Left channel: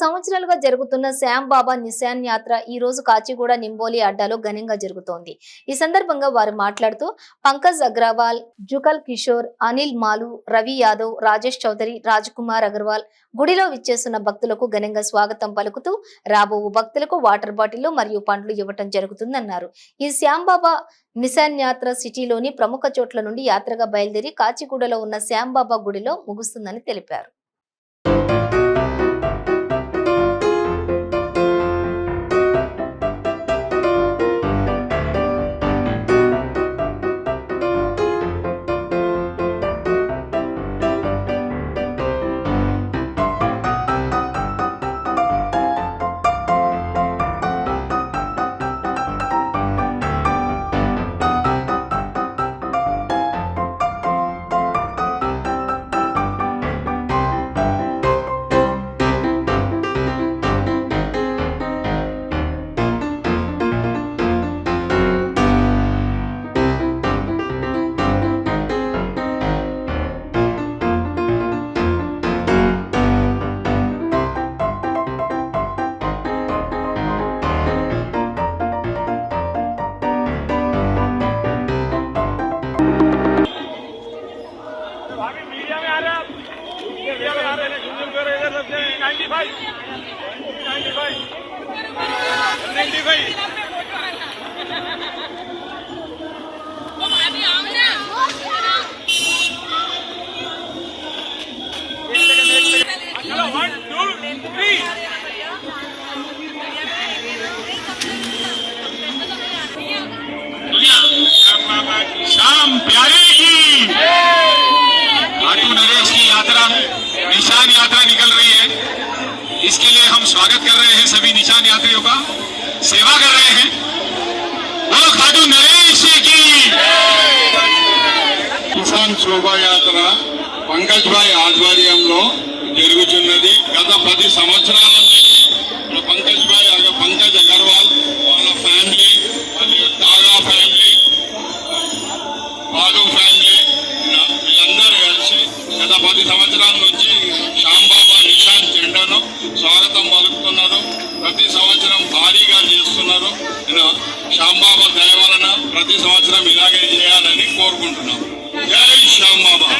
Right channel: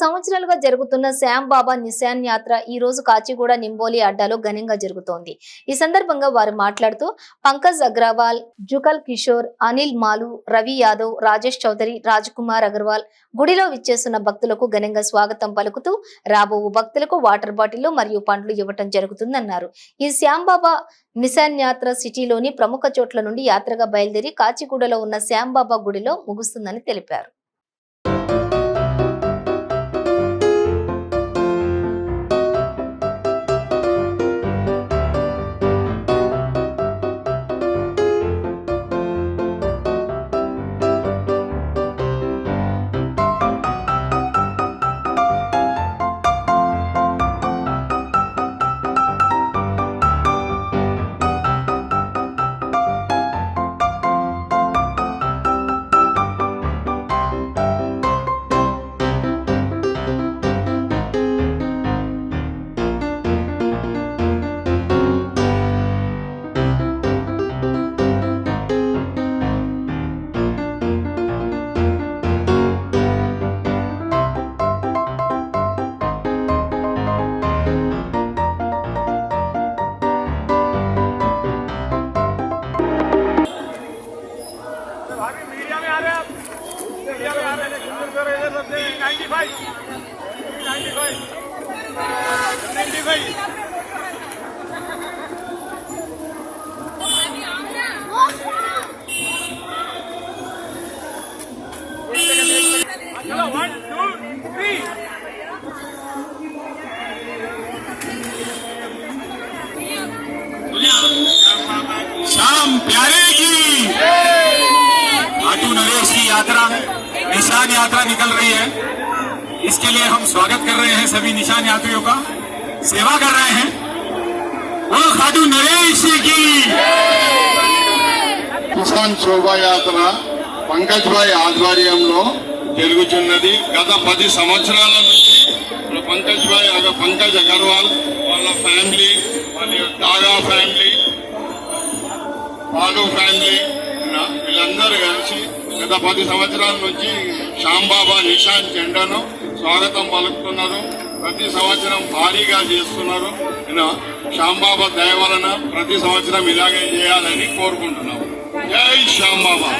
సంవత్సరాలుగా జరుగుతున్న శ్యాంబాబా నిశాన్ యాత్ర ఈ రోజు కాచిగూడ నింబోలి అడ్డాలో ఘనంగా జరుగుతోంది. ఈ సందర్భంగా వారు మాట్లాడుతూ పంకజ్ అగ్రవాల్, జుగల్ కిషోర్, అనిల్ మాలు, రవి యాదవ్, రాజేష్ చౌదరి, రాజ్కుమార్ అగర్వాల్ గుడిలో విచ్చేస్తున్న భక్తులకు ఘనంగా స్వాగతం పలుకుతూ రాబో భక్తులకు వాటర్ బాటిల్ మరియు పండ్లు ఇవ్వటం జరుగుతుందన్నారు. ఈ శ్యాంబాబా నిశాన్ యాత్ర సిటీలోని ప్రముఖ చోట్ల నుండి యాత్రగా బయలుదేరి కాచిగూడలో ఉన్న శ్యాంబాబా గుడిలో ముగుస్తుందని తెలిపారు. श्याम प्यारे की खाटू नरेश की यात्रा निशान यात्रा निकल रही है। इसके लिए हम स्वागत कर रहे हैं, सभी निशान यात्रियों का सेवा कर रहे हैं। वो खाटू नरेश की కిసాన్ శోభాయాత్ర పంకజ్ భాయ్ ఆధ్వర్యంలో జరుగుతున్నది. గత 10 సంవత్సరాల నుంచి పంకజ్ భాయ్ పంకజ్ అగర్వాల్ వాళ్ళ ఫ్యామిలీ మరియు దాదా ఫ్యామిలీ, బాలు ఫ్యామిలీ వీళ్ళందరూ కలిసి గత 10 సంవత్సరాల నుంచి శ్యాంబాబా నిశాన్ జెండాను స్వాగతం పలుకుతున్నారు. ప్రతి సంవత్సరం భారీగా చేస్తున్నారు. శ్యాంబాబా దయ వలన ప్రతి సంవత్సరం ఇలాగే చేయాలని కోరుకుంటున్నాం. జై శ్యాంబాబా.